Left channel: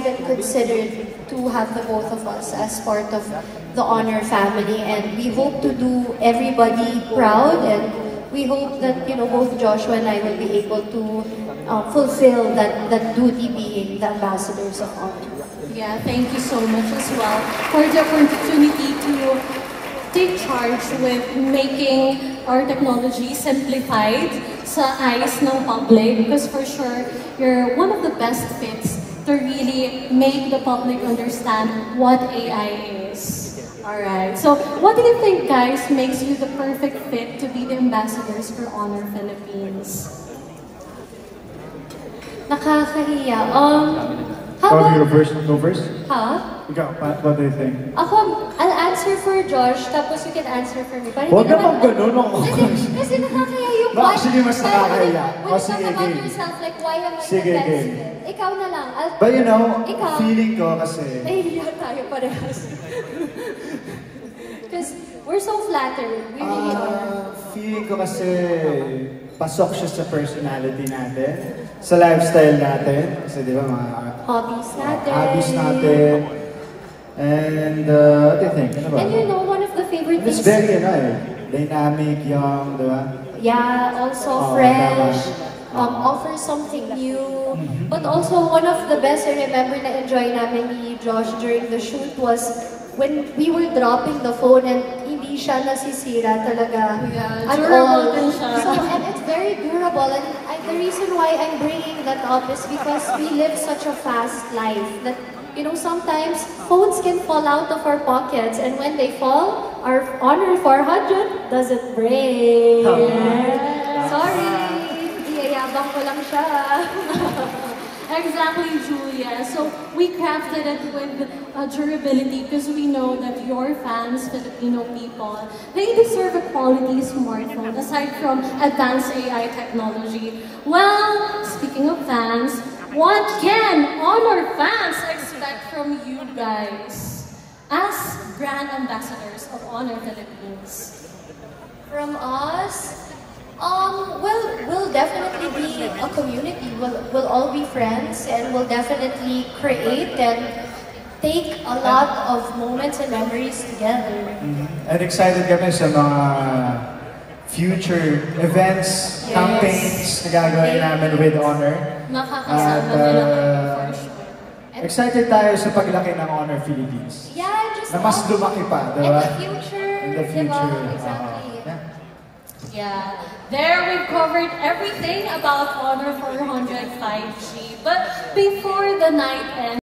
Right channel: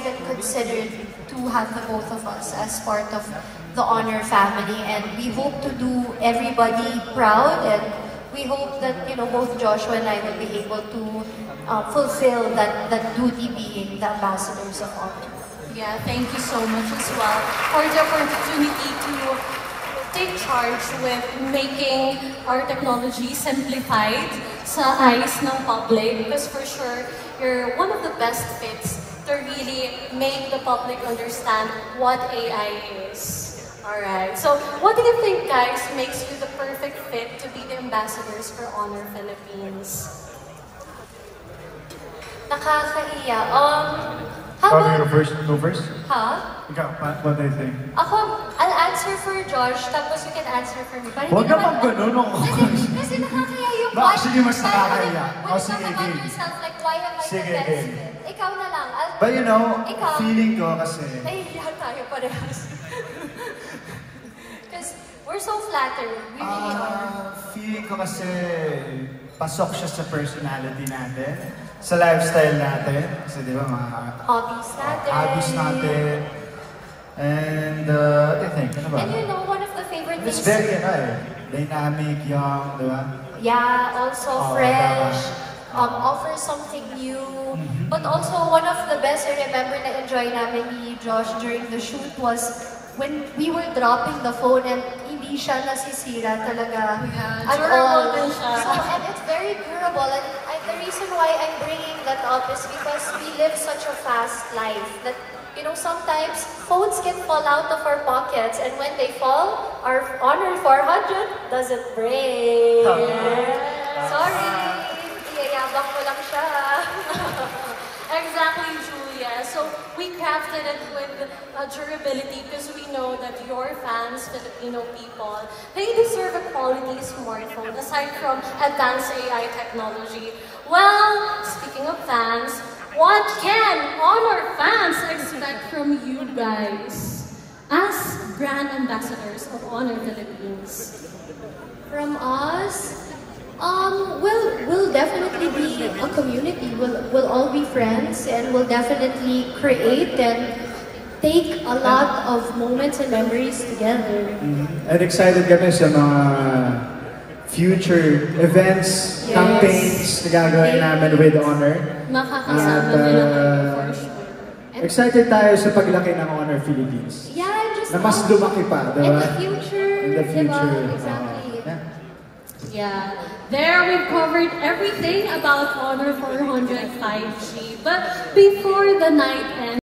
even considered to have the both of us as part of the Honor family, and we hope to do everybody proud, and we hope that, you know, both Joshua and I will be able to fulfill that duty being the ambassadors of Honor. Yeah, thank you so much as well for the opportunity to take charge with making our technology simplified sa eyes ng public, because for sure, you're one of the best fits to really make the public understand what AI is. Alright, so what do you think, guys, makes you the perfect fit to be the ambassadors for Honor Philippines? Nakakahiya. How about you go first? Huh? What do you think? Ako, I'll answer for Josh, tapos you can answer for me. Huwag naman ganun. Kasi nakakahiya yung No, actually, mas nakakahiya. When you talk about yourself, like, why am I the best fit? Ikaw na lang. But you know, feeling ko kasi... Nahihiya tayo parehas. Because we're so flattered. We really are. Feeling ko kasi pasok siya sa personality natin, sa lifestyle natin. Kasi di ba, mga hobbies natin. And what do you think? Ano ba? And you know, one of the favorite things... It's very, dynamic, young, di ba? Yeah, also fresh. Offer something new. But also, one of the best I remember na enjoy namin ni Josh during the shoot was when we were dropping the phone and hindi siya nasisira talaga. Yeah, durable din siya. So, and it's very durable. And the reason why I'm bringing that up is because we live such a fast life that, you know, sometimes phones can fall out of our pockets, and when they fall, our Honor 400 doesn't break. Sorry, iyayabang ko lang siya. Exactly, Julia. So we crafted it with durability because we know that your fans, Filipino people, they deserve a quality smartphone aside from advanced AI technology. Well, speaking of fans, what can Honor fans expect from you guys as brand ambassadors of Honor Philippines? From us? We'll definitely be a community. We'll all be friends, and we'll definitely create and take a lot of moments and memories together. And excited kami sa mga future events, campaigns na gagawin namin with Honor. Makakasama nila for sure. Excited tayo sa paglaki ng Honor Philippines. Yeah, just na mas lumaki pa, diba? In the future. In the future. Exactly. Yeah, there we've covered everything about Honor 400 5G. But before the night ends,